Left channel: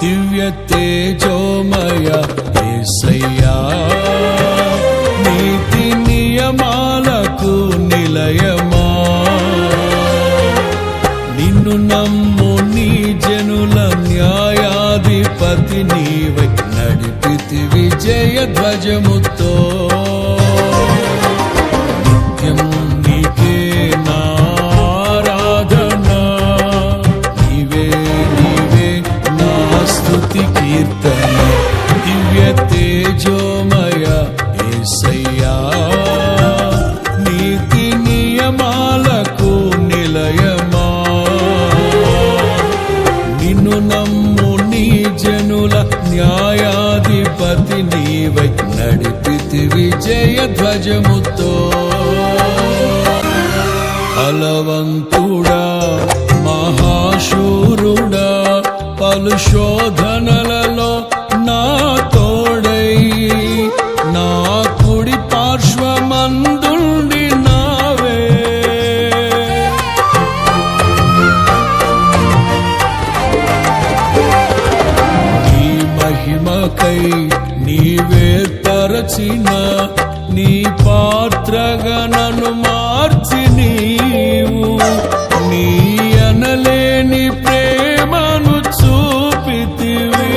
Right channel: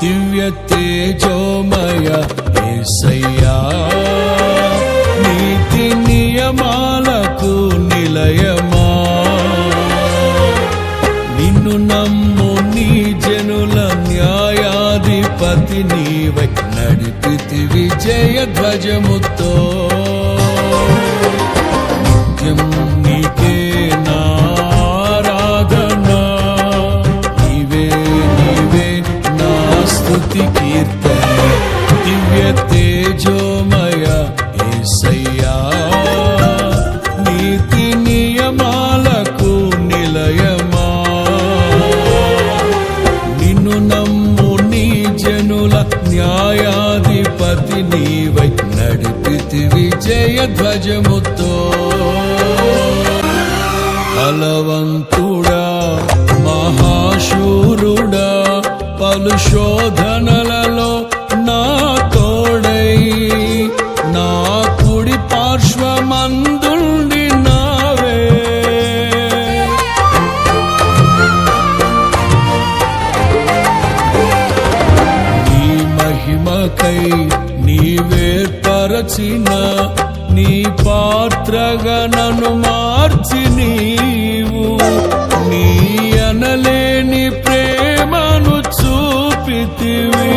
దివ్య తేజోమయ యేసయ్యా, నీతి నియమాలకు నిలయమా, నిన్ను నమ్ము నీ జనుల న్యాయాధిపతి నీవై నడిపితి విజయ ధ్వజముతో. నిత్యం నీకే నారాధనా, నీవే నీవే నా స్తుతి కీర్తన. దివ్య తేజోమయ యేసయ్యా, నీతి నియమాలకు నిలయమా, నిన్ను నమ్ము నీ జనుల న్యాయాధిపతి నీవై నడిపితి విజయ ధ్వజముతో. బలవంతుడా మహాశూరుడా, పలు శోధనలలో నా తోడై, నా కుడి పార్శ్వమందుండి నావే. నీ మహిమకై నీవేర్పరచిన నీ పాత్రగా నన్ను మార్చి నీవు, నీ అనలేని ప్రేమను చూపితివి.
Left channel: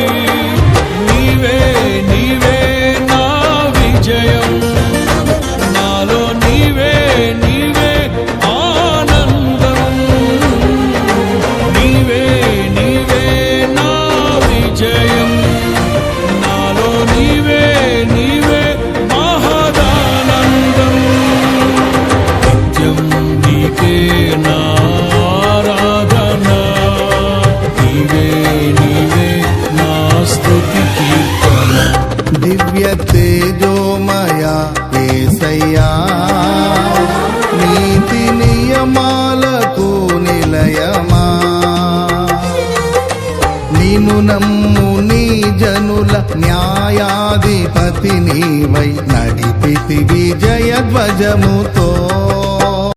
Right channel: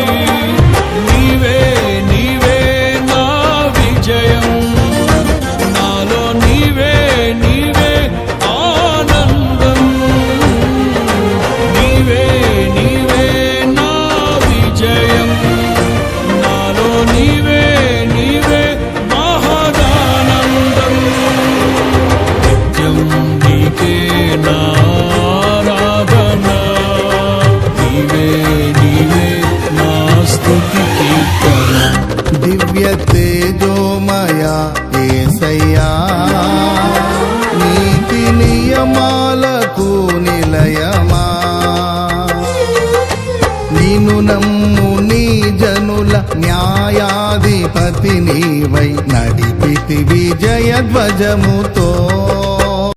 నీవే నీవే నా విజయం, నాలో నీవే నీవే ఆనందం. నీవే నీవే నా విజయం, నాలో నీవే నీవే మహదానందం. నిత్యం నీకే నారాధనా, నీవే నీవే నా స్తుతి కీర్తన. దివ్య తేజోమయ యేసయ్యా, నీతి నియమాలకు నిలయమా, నిన్ను నమ్ము నీ జనుల న్యాయాధిపతి నీవై నడిపితి విజయ ధ్వజముతో.